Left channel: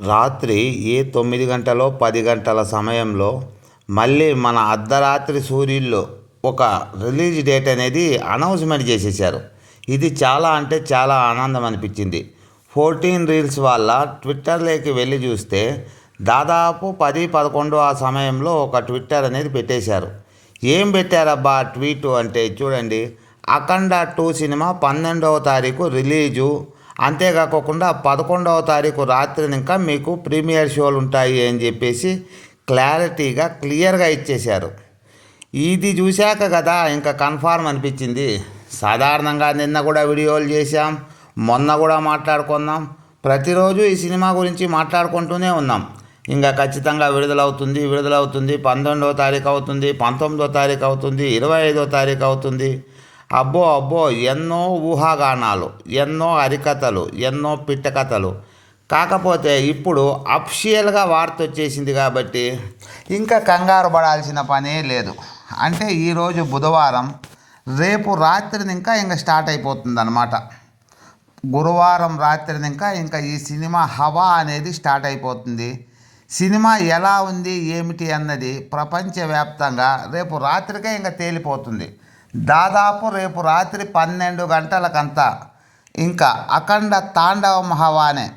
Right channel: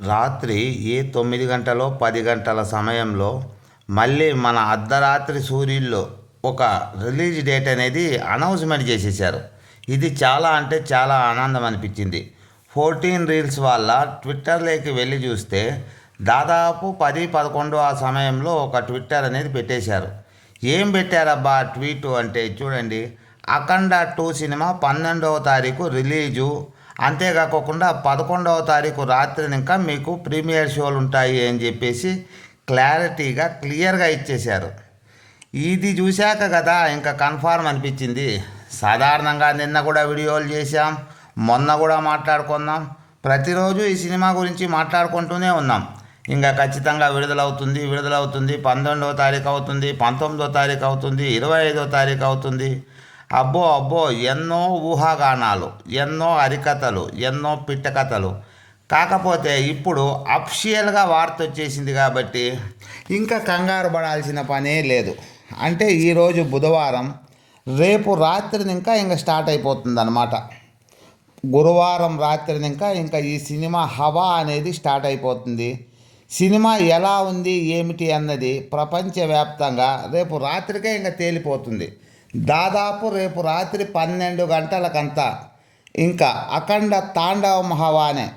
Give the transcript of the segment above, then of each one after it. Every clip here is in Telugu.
రాత్రి ఏ తొమ్మిది గంటలో పది గంటల సమయంలో మళ్ళీ మన అర్ధరాత్రి సూర్యుల్లో ఒక రిలీజ్ డేట్ అనేది అనౌన్స్మెంట్ చేసేసారు ఇది చాలా అంటే చాలా ఆనందం అనిపించింది. ఫోర్టీన్ రీల్స్ వల్ల ట్విట్టర్లోకి వెళ్ళి చూస్తే దాదాపు పది పదకొండు ఆ సమయంలో ఒక ట్విట్టర్ అనేది పెట్టేశారు. ఏం పెట్టారబ్బా ట్వీట్ అంటే చూడండి అఖండ టూ సినిమా పన్నెండవ తారీఖు రిలీజు అంతేకాకుండా పదకొండవ తారీఖు రాత్రి ఇంకా మీకు ప్రీమియర్ షోలు ఉంటాయి అని చెప్పేసి క్లారిటీగా క్లియర్గా ఇచ్చేశారు. ఇది చూశాక కదా ఇంకా కన్ఫార్మ్ అనిపించింది. సాధారణంగా నిన్న కూడా వీడియోలు చేశాం మొన్న కూడా మాట్లాడుకున్నాం ప్రతిరోజు ఈ సినిమా గురించి మాట్లాడుకుంటూనే ఉన్నాం. ఇంకా ఖచ్చితంగా విడుదలవుతుంది విడుదలవుతుంది పంతొమ్మిదో తారీఖు అవుతుంది పంతొమ్మిదో తారీఖు అవుతుంది ఇరవై ఐదో తారీఖు అవుతుంది. అబ్బో అబ్బో ఎన్నో ఊహాగానాలు ఎన్నో హరికథలు ఎన్నో పిట్టకథలు. కాకపోతే ఇప్పుడు అఫిషియల్గా వార్త వచ్చేసింది కాబట్టి ఇంకా కంగారు పడాల్సిన పనే లేదు. అంటే ఈరోజు బుధవారం రేపు రాత్రిని ఇంకా ఇంకా స్టార్ట్ అయిపోతుంది అనమాట గురువారం రాత్రిని ఇంకా ఇంకా ఈ సినిమా హవా అనేది స్టార్ట్ అయిపోతుంది. సినిమా ఎలా ఉంది ఏమిటి అన్నది ప్రపంచవ్యాప్తంగా రేపు రాత్రికే ఇంకా తేలిపోతుంది. దాదాపు రేపు రాత్రి పన్నెండు గంటలకంతా ఇంకా అఖండ తాండవ హవానే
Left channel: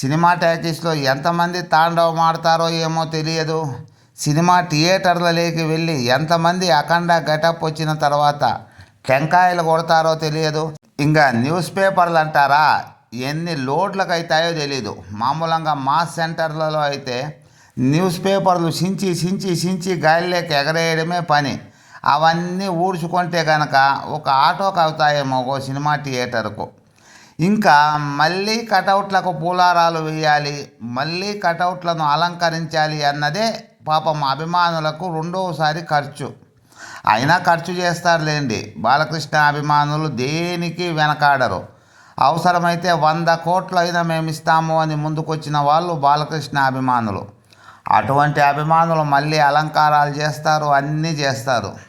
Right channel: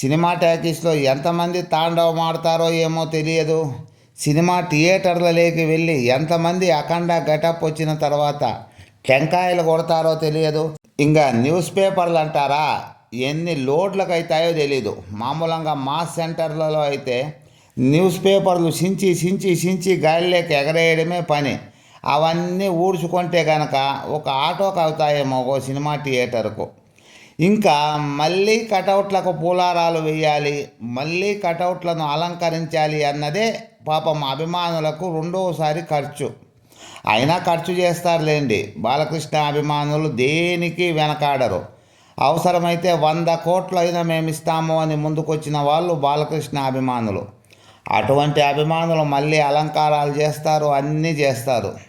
సినిమా ట్యాకీస్లో ఎంతమంది తాండవం ఆడతారో ఏమో తెలియదు. సినిమా థియేటర్లలోకి వెళ్ళి ఎంతమంది అఖండ గెటప్ వచ్చిన తర్వాత టెంకాయలు కొడతారో తెలియదు. ఇంకా న్యూస్ పేపర్లు అంటారా? ఎన్ని లోడ్లకు అవుతాయో తెలియదు మామూలుగా మాస్ సెంటర్లలో అయితే న్యూస్ పేపర్లు సించి సించి సించి గాలిలోకి ఎగరేయడమే పని. అవన్నీ ఊడ్చుకుంటే కనుక ఒక ఆటోకి అవుతాయేమో ఒక సినిమా థియేటర్కు. ఇంకా మళ్ళీ కటౌట్లకు పూలారాలు వేయాలి మళ్ళీ కటౌట్లను అలంకరించాలి అన్నదే పాపం అభిమానులకు రెండవసారి ఖర్చు. అయినా ఖర్చు చేస్తారులేండి. బాలకృష్ణ అభిమానులు దేనికి వెనకాడరు? అవసరమైతే వంద కోట్లు అయినా మేము ఇస్తాము అని ముందుకొచ్చిన వాళ్ళు బాలకృష్ణ అభిమానులు. అటువంటి అభిమానులు మళ్ళీ అలంకారాలు చేస్తారు అన్నీ చేస్తారు.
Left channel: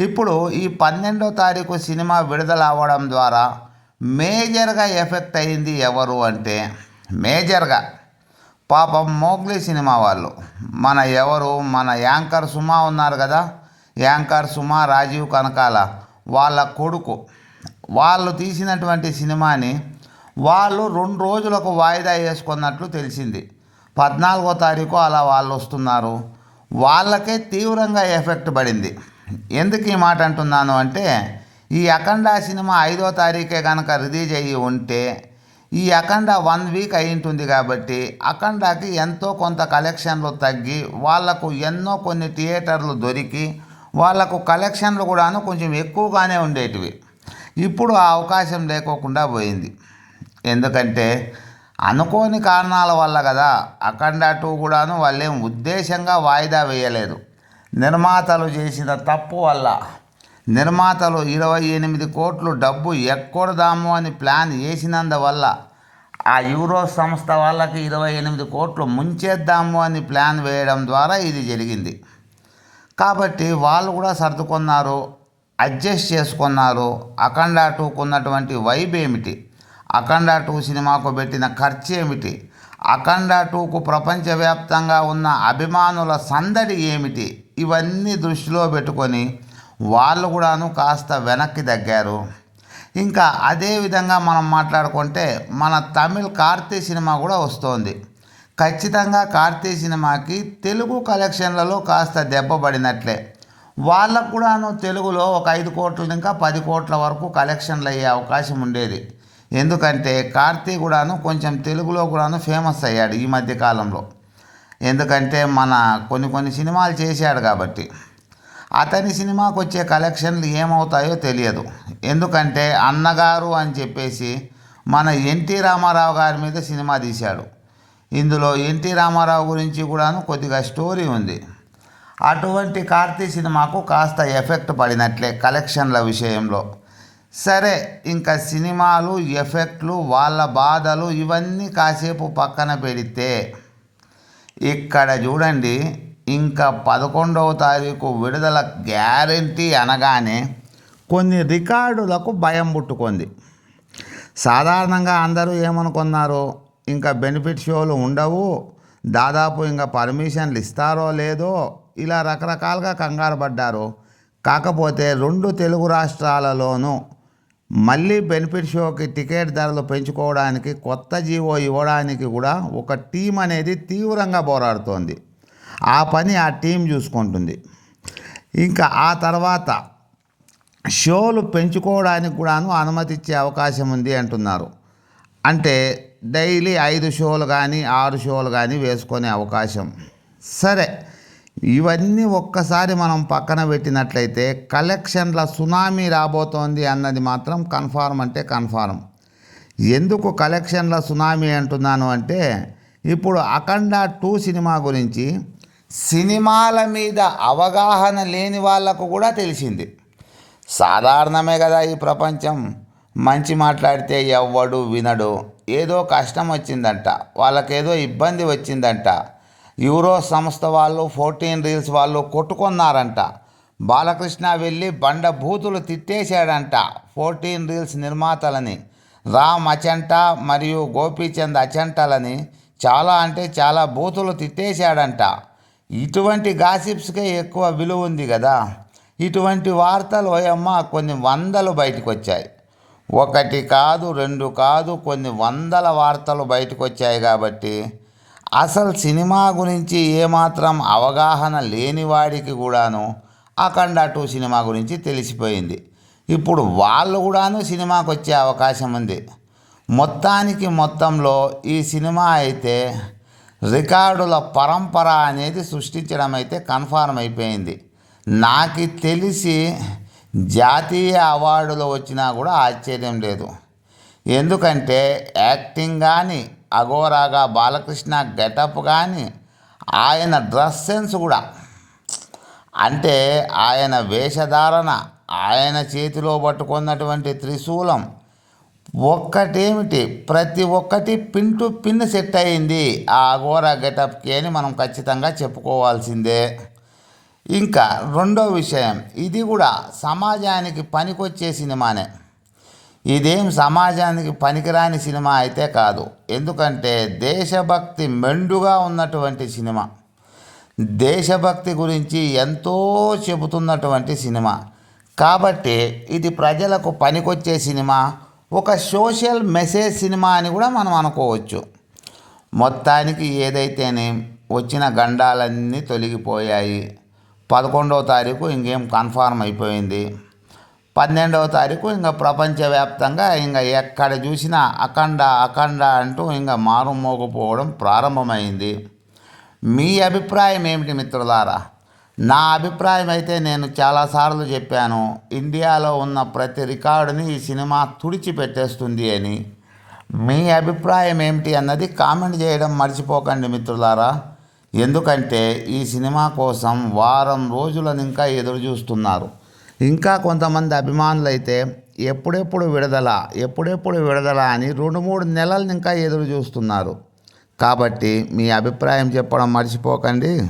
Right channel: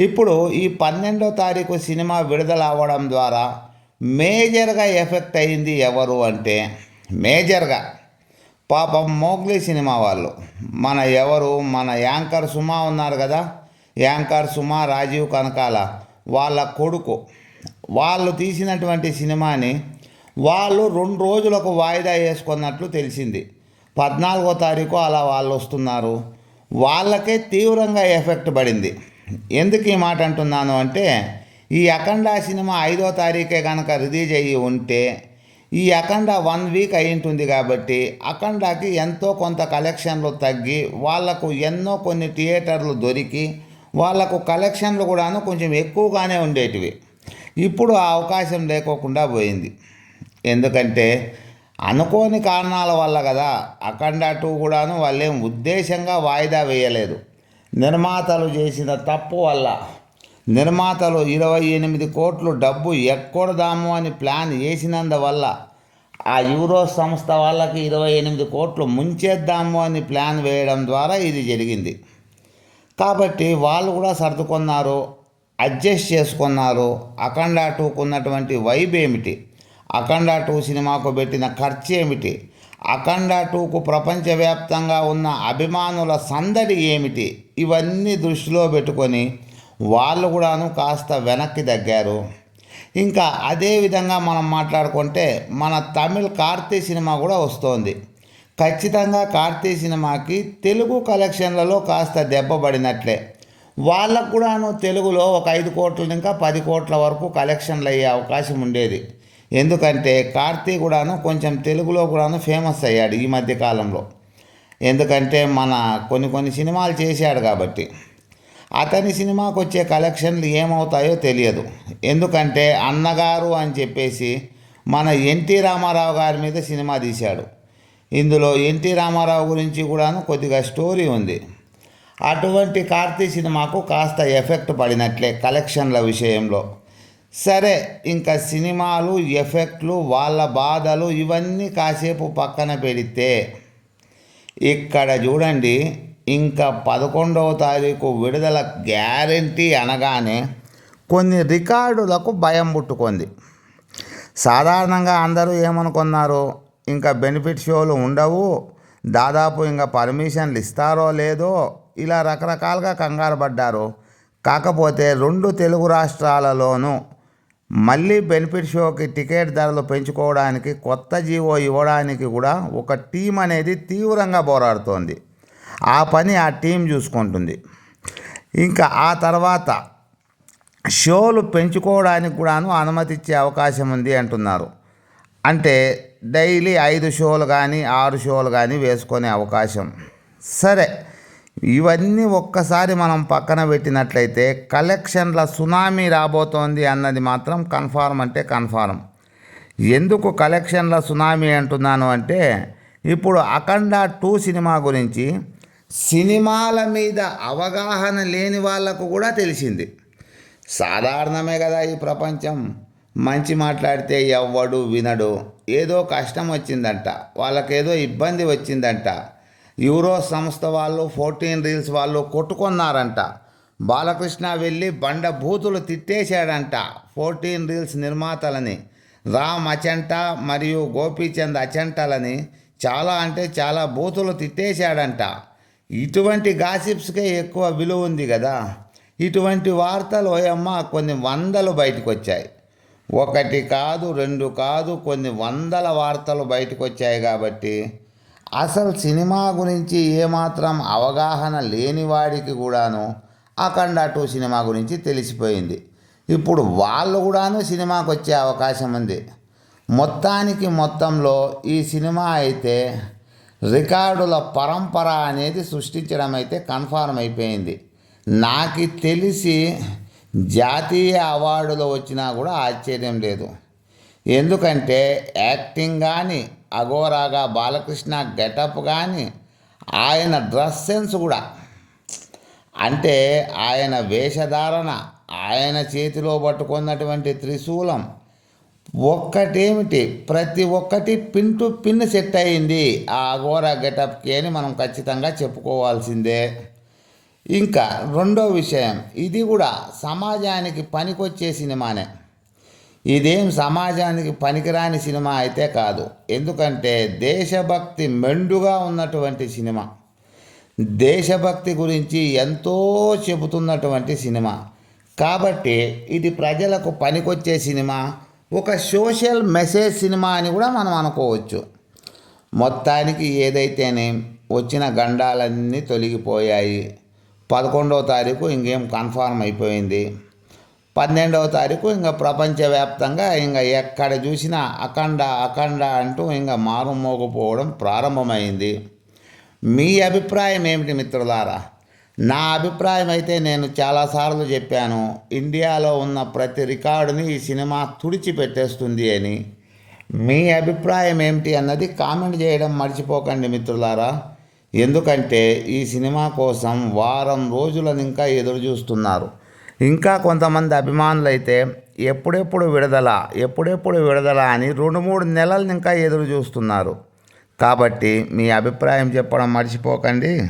ఇప్పుడు ఈ పన్నెండో తారీఖు సినిమా విడుదల అవ్వడం ద్వారా మేజర్గా ఎఫెక్ట్ అయింది ఎవరు అంటే మేజర్గా పాపం మోగ్లీ సినిమా వాళ్ళు. మన ఎవరు? మన యాంకర్ సుమా ఉన్నారు కదా? యాంకర్ సుమా రాజీవ్ కనకాల వాళ్ళ కొడుకు. వాళ్ళు తీసినటువంటి సినిమాని వాళ్ళు రెండు రోజులకు వాయిదా వేసుకున్నట్లు తెలిసింది. పద్నాలుగో తారీఖు అలా వాళ్ళు వస్తున్నారు. వాళ్ళకే తీవ్రంగా ఎఫెక్ట్ పడింది. ఎందుకు ఈ మాట అంటున్నాను అంటే ఈ అఖండ సినిమా ఐదో తారీఖే కనుక రిలీజ్ అయ్యి ఉంటే ఈ అఖండ వన్ వీక్ అయి ఉంటుంది కాబట్టి అఖండకి ఎంతో కొంత కలెక్షన్లు తగ్గి వాళ్ళకు ఎన్నో కొన్ని థియేటర్లు దొరికి వాళ్ళకు కలెక్షన్లు కూడాను కొంచెం ఎక్కువగానే ఉండేటివి. ఇప్పుడు ఆ అవకాశం లేకోకుండా పోయింది. ఎందుకంటే అనుకోని కారణాల వల్ల కదా అఖండ టూ కూడాను వాళ్ళేం ఉద్దేశంగా వాయిదా వేయలేదు. నిర్మాతలు చేసిన తప్పు వల్ల నిర్మాతలు ఇరవై ఎనిమిది కోట్లు డబ్బు ఎక్కడదాము అని ప్లాన్ చేసినందువల్ల ఆ యూరో సంస్థ వాళ్ళకి ఇరవై ఎనిమిది కోట్లు ముంచేద్దాము అని ప్లాన్ వేయడం ద్వారా ఇది జరిగింది. కాబట్టి వాళ్ళు కూడా సర్దుకున్నారు అడ్జస్ట్ చేసుకున్నారు. అఖండ టూకు ఉన్నటువంటి వైబ్ ఏమిటి? అఖండ టూ సినిమాకు పెట్టిన ఖర్చు ఏమిటి? అఖండ టూకు ప్రపంచవ్యాప్తంగా ఉన్న అభిమానుల సందడి ఏమిటి? ఇవన్నీ దృష్టిలో పెట్టుకొని వాళ్ళు కూడాను కాస్త వెనక్కి తగ్గారు. ఇంకా అదే విధంగా మనం మాట్లాడుకుంటే మన తమిళ్ కార్తీ సినిమా కూడా వస్తోంది. ఖచ్చితంగా కార్తీ సినిమాకి తెలుగు కలెక్షన్లలో కాస్త దెబ్బపడినట్లే వాళ్ళకు కూడాను తెలుగులో ఒక ఐదు కోట్ల ఇంకా పది కోట్ల వరకు కలెక్షన్లు అయ్యే అవకాశం ఉండేది. ఎందుకంటే కార్తీ కూడాను కొంచెం తెలుగులో కూడాను ఫేమస్ అయ్యాడు ఈ మధ్య కాలంలో. ఎందుకంటే మన కొన్ని కొన్ని సినిమాలు చేశాడు కాబట్టి. అతని సినిమాకు వచ్చే కలెక్షన్లు ఏమవుతాయో తెలియదు. ఎందుకంటే అన్నగారు అని చెప్పేసి మన ఎన్టీ రామారావు గారి మీద సినిమా తీశాడు. ఇందులో ఎన్టీ రామారావు గురించి కూడాను కొద్దిగా స్టోరీ ఉంది. అటువంటి కార్తీ సినిమాకు కాస్త ఎఫెక్ట్ పడినట్లే కలెక్షన్ల విషయంలో. సరే ఇంకా సినిమాలు ఎఫెక్ట్లు వాళ్ళ బాధలు ఇవన్నీ కాసేపు పక్కన పెడితే ఇక్కడ చూడండి ఇంకా పదకొండవ తారీఖు విడుదల గ్యారంటీ అనగానే కొన్ని రికార్డులకు భయం పుట్టుకుంది. సాధారణంగా అందరూ ఏమనుకున్నారు ఇంకా బెనిఫిట్ షోలు ఉండవు దాదాపు ఇంకా పర్మిషన్లు ఇస్తారో లేదో ఇలా రకరకాలుగా కంగారు పడ్డారు. కాకపోతే రెండు తెలుగు రాష్ట్రాలలోనూ మళ్ళీ బెనిఫిట్ షోకి టికెట్ ధరలు పెంచుకోవడానికి కొత్త జీవో ఇవ్వడానికి కూడా ఒక టీం అనేది తీవ్రంగా పోరాడుతోంది. ఆ పని ఆ టీం చూసుకుంటుంది. ఇంకా ఆ తర్వాత షోలు పెంచుకోవడానికి కూడాను అనుమతి ఇచ్చే అవకాశం ఉంది అంటున్నారు. అంటే డైలీ ఐదు షోలు కానీ ఆరు షోలు కానీ వేసుకునే అవకాశం. సరే. ఇవన్నీ ఒక్కసారి మనం పక్కన పెట్టినట్లయితే కలెక్షన్ల సునామీ రాబోతోంది అన్నది మాత్రం కన్ఫార్మ్ అంటే కన్ఫార్మ్ ఎందుకు కలెక్షన్ల సునామీ అంటున్నాను అంటే ఇప్పుడు అఖండ టూ సినిమా గురించి సినిమాల మీద అవగాహన లేని వాళ్ళకు కూడా తెలిసింది. సాధారణమే కదా ఈ ప్రపంచం. మంచి మాట్లాడితే ఎవ్వడు వినడు. ఏదో కష్టం వచ్చిందంట. వాళ్ళకేదో ఇబ్బంది వచ్చిందంట. యూరో సంస్థ వాళ్ళు ఫోర్టీన్ రీల్స్ వాళ్ళు కొట్టుకున్నారంట. బాలకృష్ణ వెళ్ళి బండ బూతులు తిట్టేశాడంట ఫోర్టీన్ రీల్స్ నిర్మాతలని. రామ్ అచంట మరియు గోపీచంద్ అచంటలని చాలా అంటే చాలా బూతులు తిట్టేశాడంట. ఇటువంటి గాసిప్స్కే ఎక్కువ విలువ ఉంది కదా. ఇటువంటి వార్తలు ఓయమ్మ కొన్ని వందలు బయటకు వచ్చాయి ఒకటి కాదు రెండు కాదు కొన్ని వందల వార్తలు బయటకు వచ్చాయి కాబట్టి అసలు సినిమా గురించి ఏమాత్రం అవగాహన లేని వాడికి కూడాను అఖండ టూ సినిమా గురించి తెలిసిపోయింది. ఇప్పుడు వాళ్ళు కూడాను సినిమాకి వచ్చే అవకాశం ఉంది. మొత్తానికి మొత్తంలో ఈ సినిమా అయితే రికార్డుల పరంపర అనేది సృష్టించడం అయితే కన్ఫార్మ్ అయిపోయింది. నాకు తెలిసి జాతీయ అవార్డులు వచ్చినా కూడా ఆశ్చర్యం లేదు. ఎందుకంటే యాక్టింగ్ కానీ అఘోరాగా బాలకృష్ణ గెటప్ కానీ ఆయన డ్రెస్ సెన్స్ కూడా. అంటే ఆయన వేషధారణ ఆయన చేతిలో పట్టుకున్నటువంటి త్రిశూలం ఒక్కటేమిటి? ప్రతి ఒక్కటి పిన్ టు పిన్ సెట్ అయింది ఆ అఘోరా గెటప్కి అని మనం ఖచ్చితంగా చెప్పుకోవాల్సిందే. ఇంకా రెండో విషయం ఇది కూడా సమాజానికి పనికొచ్చే సినిమానే. ఇదేం సమాజానికి పనికిరాని సినిమా అయితే కాదు. ఎందుకంటే దేశభక్తి మెండుగా ఉన్నటువంటి సినిమా. దేశభక్తి గురించి ఎంతో చెబుతున్నటువంటి సినిమా. కాబట్టి ఇది ప్రజలకు పనికొచ్చే సినిమా. ఒక సోషల్ మెసేజ్ సినిమా అని కూడా మనం అనుకోవచ్చు. మొత్తానికి ఏదైతేనే వచ్చిన గండాలన్నీ తొలగిపోయాయి. పదకొండవ తారీఖు ఇంకేం కన్ఫార్మ్ అయిపోయింది. పన్నెండవ తారీఖు ఇంకా ప్రపంచవ్యాప్తంగా ఇంకా ఎక్కడ చూసినా అఖండ అఖండ అంటూ ఇంకా మారుమోగిపోవడం ప్రారంభమైంది. మీ అభిప్రాయం ఏమిటి మిత్రులారా? నా అభిప్రాయం అయితే నేను చాలాసార్లు చెప్పాను. ఇండియాలో ఉన్న ప్రతి రికార్డుని ఈ సినిమా తుడిచిపెట్టేస్తుంది అని. మీ అభిప్రాయం ఏమిటి అన్నది కామెంట్ చేయడం మర్చిపోకండి మిత్రులారా. ఎందుకంటే ఈ సినిమా కోసం వారం రోజులను ఇంకా ఎదురు చూస్తున్నారు ఇంకా కొంతమంది అభిమానులైతే ఎప్పుడెప్పుడు విడుదల ఎప్పుడెప్పుడు విడుదల అని రెండు మూడు నెలలు ఇంకా ఎదురు చూస్తున్నారు. కాబట్టి మీ అభిప్రాయం చెప్పడం మర్చిపోకండి.